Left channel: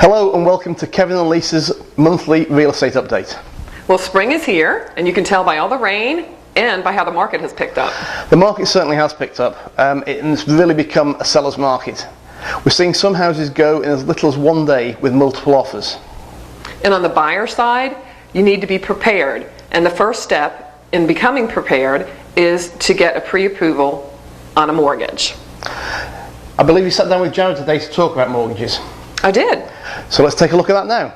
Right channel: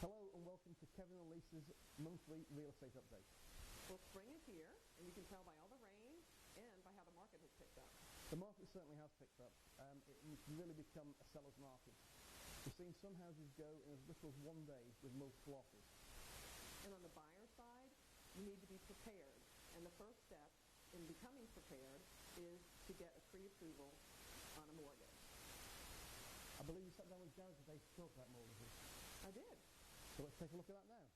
Hello and welcome to Kevin and Lisa's monthly real estate update. Well, spring is here, and you can tell by all the rain and by how the market has picked up. The market certainly has picked up. It's really become a seller's market. We're seeing some houses go in as little as one day with multiple offers. And on the buyer side, you need to be prepared. And the first step in becoming prepared is to get a pre-approval on a mortgage. I believe you sat down with Jared today to talk about mortgages. I did. So let's take a look at that now.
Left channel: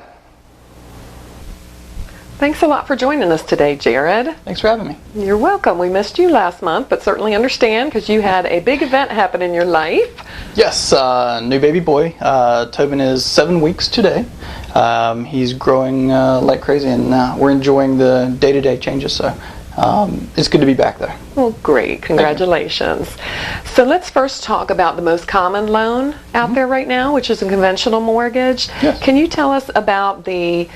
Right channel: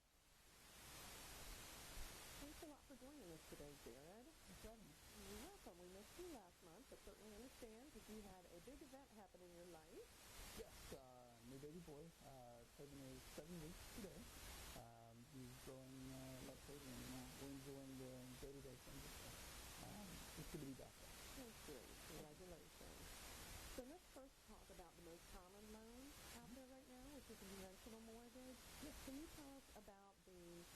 Thanks a lot for joining us today, Jared. Thanks for having me. You're welcome. We missed you last month, but certainly understand because you had a big event happen in your life. Yes, new baby boy. Tobin is 7 weeks today. He's growing like crazy, and we're enjoying the day-to-day changes, so it's good to be back there. Well, great. Congratulations. So let's first talk about the most common loan out there right now, which is a conventional mortgage. Yes. Can you tell us about the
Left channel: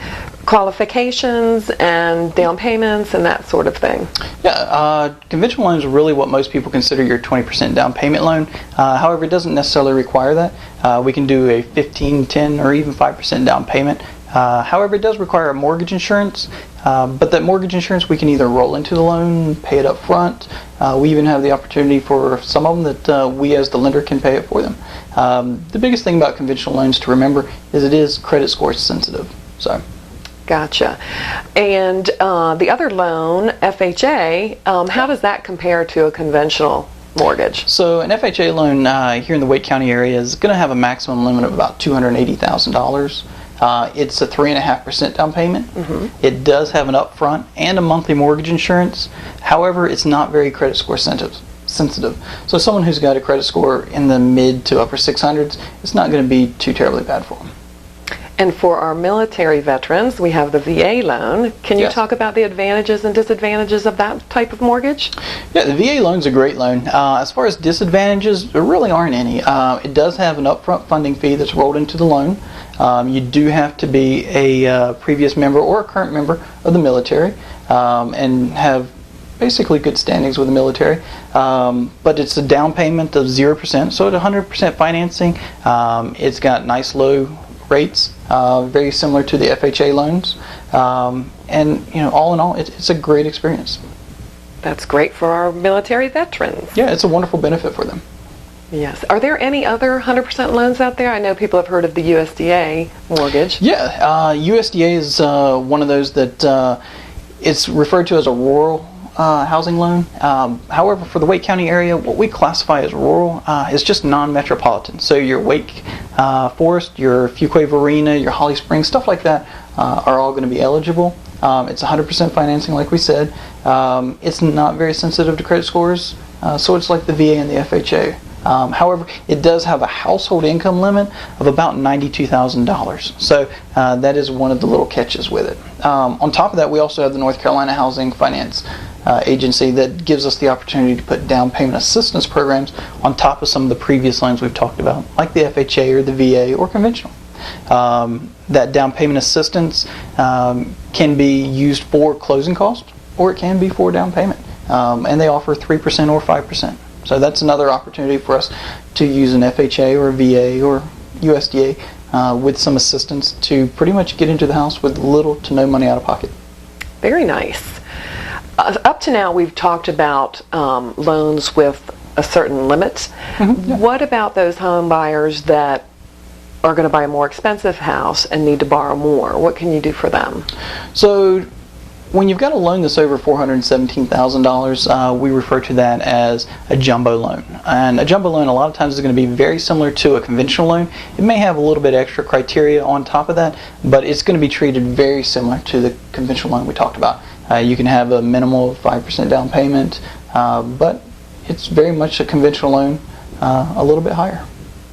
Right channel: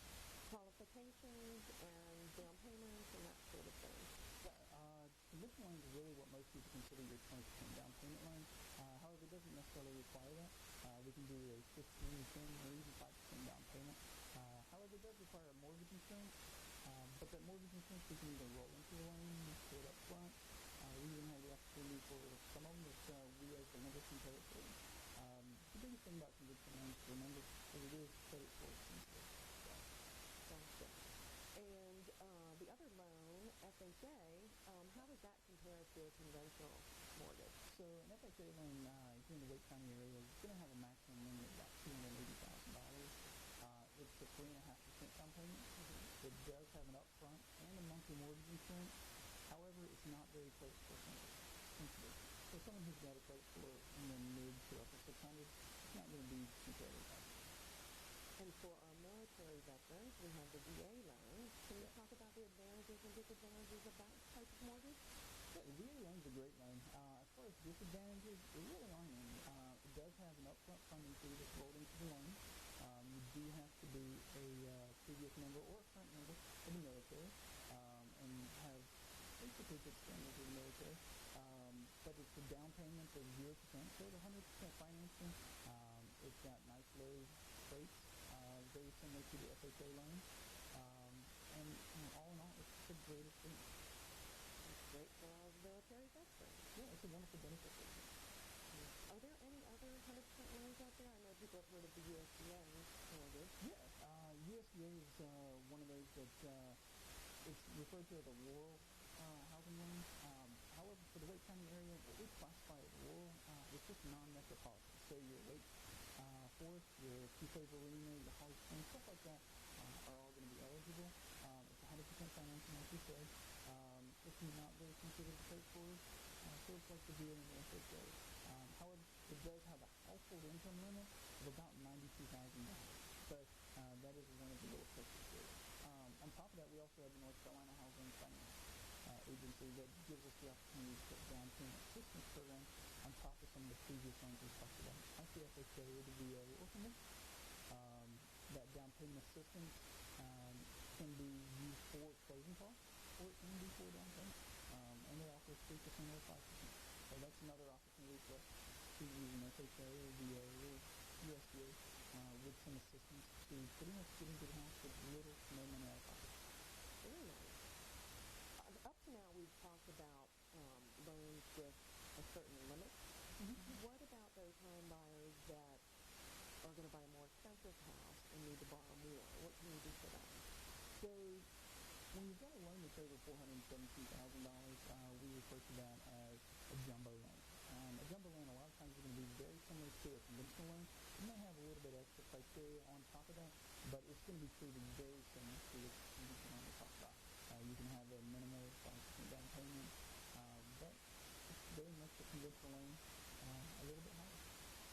qualifications and down payments and that sort of thing? Yeah, conventional loan is really what most people consider your 20% down payment loan. However, it doesn't necessarily require that. We can do a 15, 10, or even 5% down payment. However, it does require a mortgage insurance, but that mortgage insurance we can either roll into the loan, pay it up front. We even have the opportunity for some of them that we as the lender can pay it for them. The biggest thing about conventional loans to remember is it is credit score sensitive. So. Gotcha. And the other loan, FHA, how does that compare to a conventional mortgage? So an FHA loan here in the Wake County area is going to have a maximum limit of about $280,000. It's a 3.5% down payment. Mm-hmm. It does have an upfront and a monthly mortgage insurance. However, it's not very credit score sensitive. So someone who's got a credit score in the mid to upper 600s, it's not going to be too terribly bad for them. And for our military veterans, we have the VA loan. Can you Yes. talk about the advantages and disadvantages of that type of mortgage? Yeah, the VA loan's a great loan. As far as disadvantages, there really aren't any. It does have an upfront funding fee that's rolled into the loan. You do have to be a previous member or a current member of the military and have basically good standings with the military. But it's a down payment of 0%, so at 100% financing. It's got nice low rates, very similar to the FHA loans. And all in all, it's a great experience. That's great for our military veterans. Yeah, it's a wonderful benefit for them. Yes. Are there any other 100% loans out there? I know people have heard of the USDA mortgage. Yeah, USDA is one of those that it's referred to as a rural housing loan. However, for the Wake County area, what we classify as rural is just non-metropolitan. So your Wake Forest, your Fuquay Arena, your Holly Springs, stuff like that are all going to be eligible. It's 100% financing, like we said. It's not very sensitive to credit scores, so it's like the VA and the FHA. However, it does have a household income limit of about $92,000. So that is one of the little catches with it. On top of that, we also have the North Carolina Housing Finance Agency that gives us the opportunity to put down payment assistance programs on top of some of the previous loans we've talked about, like the FHA or the VA or conventional. That down payment assistance can be used for closing costs, or it can be for down payment. And they offer 3% or 5%. So that's another opportunity for us to use an FHA or a VA or USDA with some assistance to pretty much get into the house with little to no money out of pocket. Very nice. Up to now, we've talked about loans with a certain limit. Mm-hmm. Yeah. What about those home buyers that are going to buy a more expensive house and need to borrow more? What can you do for them? So when you've got a loan that's over $417,000, we refer to that as a jumbo loan. And a jumbo loan a lot of times is going to be very similar to a conventional loan. It may have a little bit extra criteria on top of that, but it's going to be treated very similar to the conventional loan we talked about. You can have a minimal of 5% down payment, but it's very much a conventional loan, a little bit higher.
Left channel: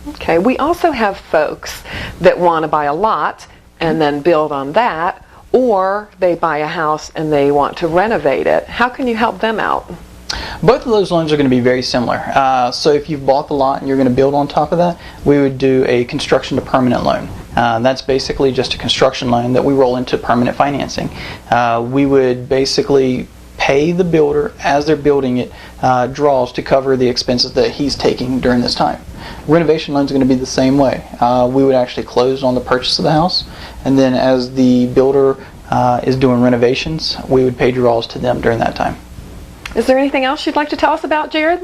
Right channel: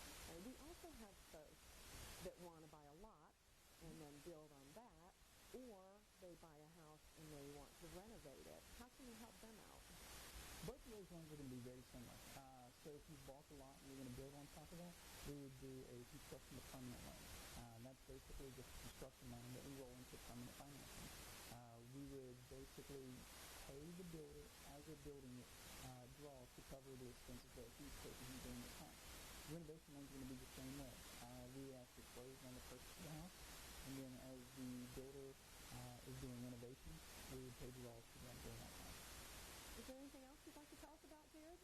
Okay, we also have folks that want to buy a lot and then build on that, or they buy a house and they want to renovate it. How can you help them out? Both of those loans are going to be very similar. So if you've bought the lot and you're going to build on top of that, we would do a construction to permanent loan. That's basically just a construction loan that we roll into permanent financing. We would basically pay the builder as they're building it draws to cover the expenses that he's taking during this time. Renovation loans are going to be the same way. We would actually close on the purchase of the house, and then as the builder is doing renovations, we would pay draws to them during that time. Is there anything else you'd like to tell us about, Jared?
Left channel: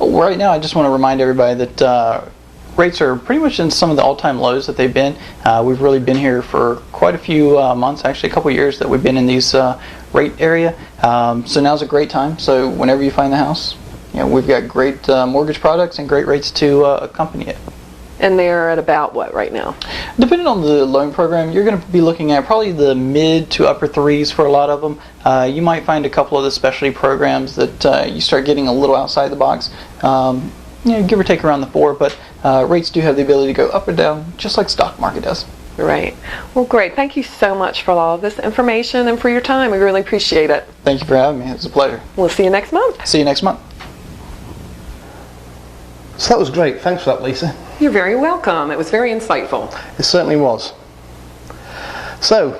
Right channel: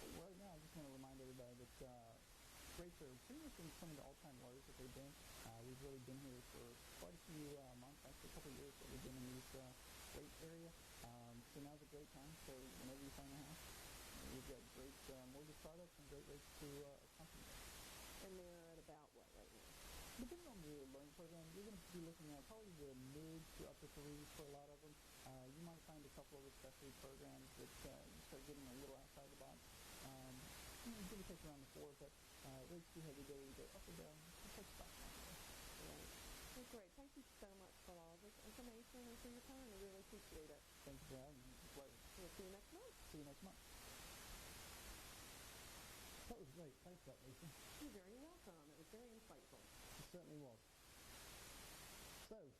Right now, I just want to remind everybody that rates are pretty much in some of the all-time lows that they've been. We've really been here for quite a few months, actually a couple years that we've been in these rate area. So now's a great time. So whenever you find the house, we've got great mortgage products and great rates to accompany it. And they're at about what right now? Depending on the loan program, you're going to be looking at probably the mid to upper threes for a lot of them. You might find a couple of the specialty programs that you start getting a little outside the box. Give or take around the 4, but rates do have the ability to go up or down, just like stock market does. Right. Well, great. Thank you so much for all of this information and for your time. We really appreciate it. Thank you for having me. It was a pleasure. We'll see you next month. See you next month. So that was great. Thanks for that, Lisa. You're very welcome. It was very insightful. It certainly was. So,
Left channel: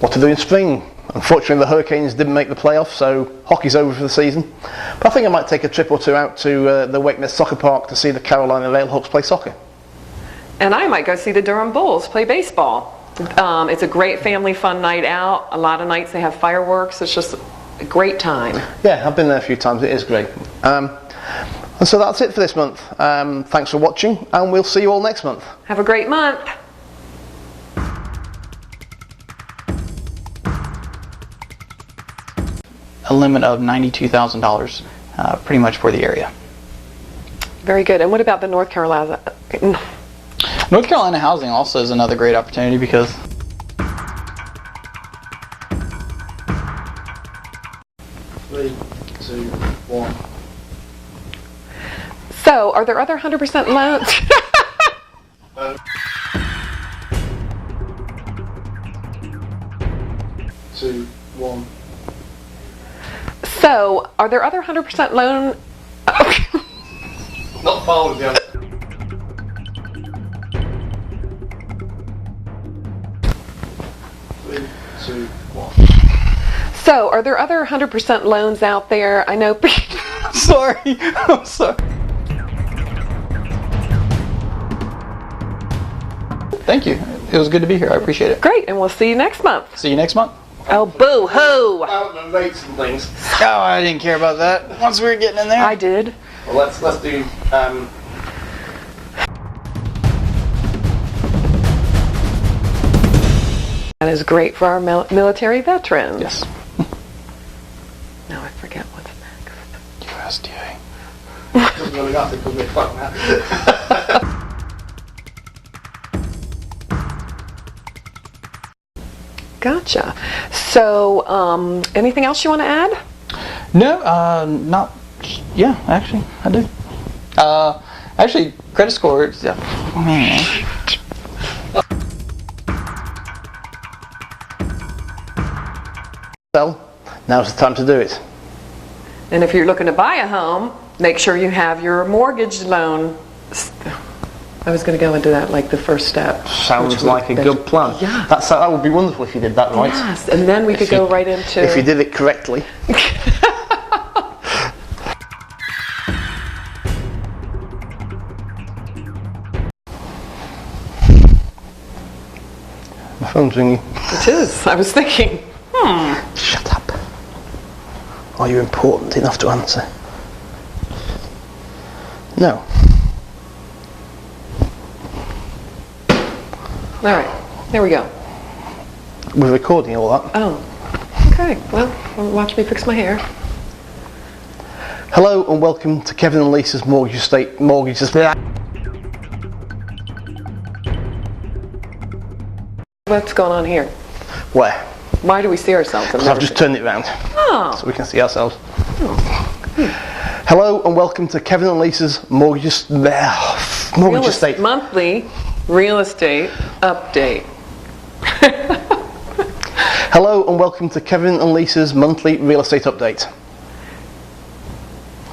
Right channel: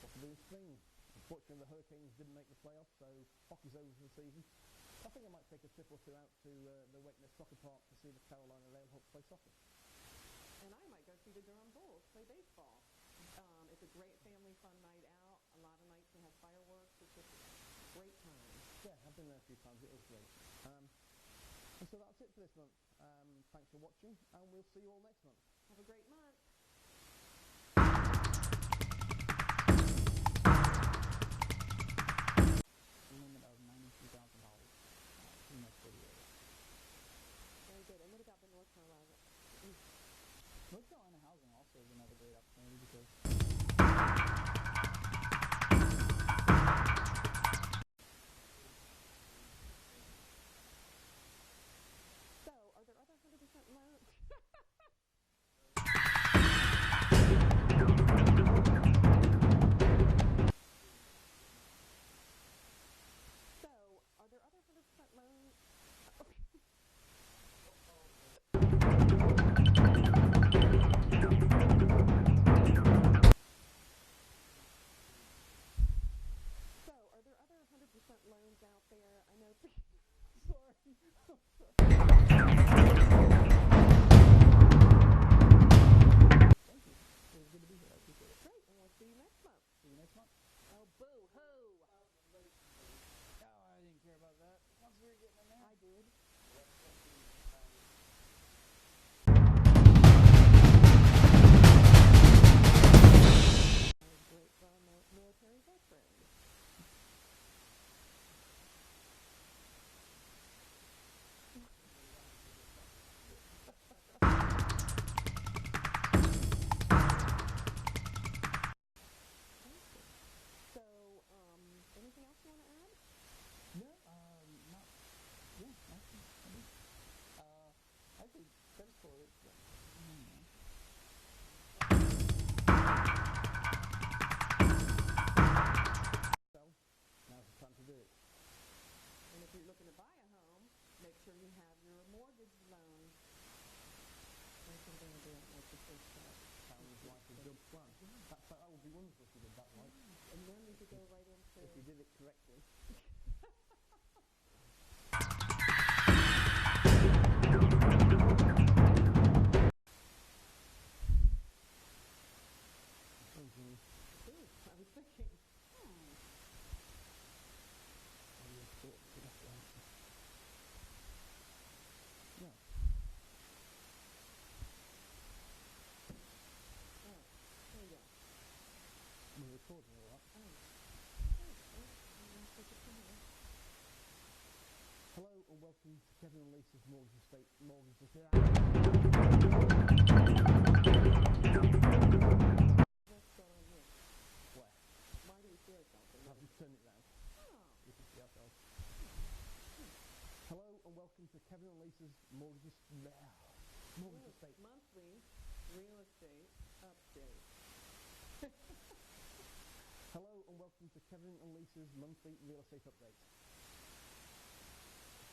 what to do in spring? Unfortunately, the Hurricanes didn't make the playoffs, so hockey's over for the season. But I think I might take a trip or two out to the Wakeness Soccer Park to see the Carolina Railhawks play soccer. And I might go see the Durham Bulls play baseball. It's a great family fun night out. A lot of nights they have fireworks. It's just a great time. Yeah, I've been there a few times. It is great. And so that's it for this month. Thanks for watching, and we'll see you all next month. Have a great month. A limit of $92,000 pretty much for the area. Very good. And what about the North Carolina? North Carolina housing also is another great opportunity because Three, two, one. So, are there other 100% loans? 2, 1. So, are there other 100% loan? Not following the answer. Three, two, one. So, are there other 100% loans out there? I know. Sorry. I'm sorry. Thank you. It was good to be here. I appreciate it. Great, and we'll see you next month. See you next month. Oh, boo-hoo! About the rates and things. Oh, I didn't care about that. Once we were getting in there. I did. Well, let's do. That is great for our military veterans. Yes. Now I forget what's next. USDA. Doesn't really matter because we're fucking happy. Gotcha. So, anything else you want to add? No, not. Yeah, actually, I do. Actually, credit score. Yeah. Man. Well, now's the time to do it. And if you're looking to buy a home, make sure you have your mortgage loan. I was going to go into that like the first step. Sounds like a good plan. Yeah. That would be wonderful if you did that right. Yes, and then we could go right into... If you did it correctly. My phone's ringing. It is. I was thinking, Shut up. Are you important enough to answer? No. All right, there we go. We're recording all that. Oh, okay. Well, watch me fix my hair. Hello and welcome to Kevin and Lisa's Mortgage Estate. What's going on here? Where? Why do we see ourselves? Because I've just turned it round Oh, so we can see ourselves. Hello and welcome to Kevin and Lisa's Mortgage Estate. Monthly real estate update. Hello and welcome to Kevin and Lisa's monthly real estate update.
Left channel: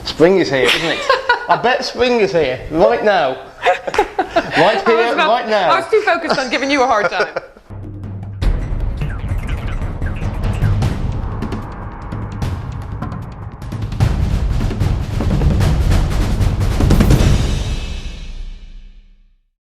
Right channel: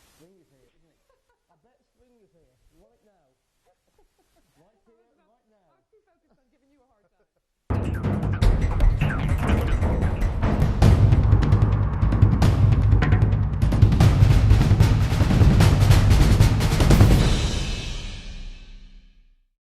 Spring is here, isn't it? I bet spring is here, right now. Right here, right now. I was too focused on giving you a hard time.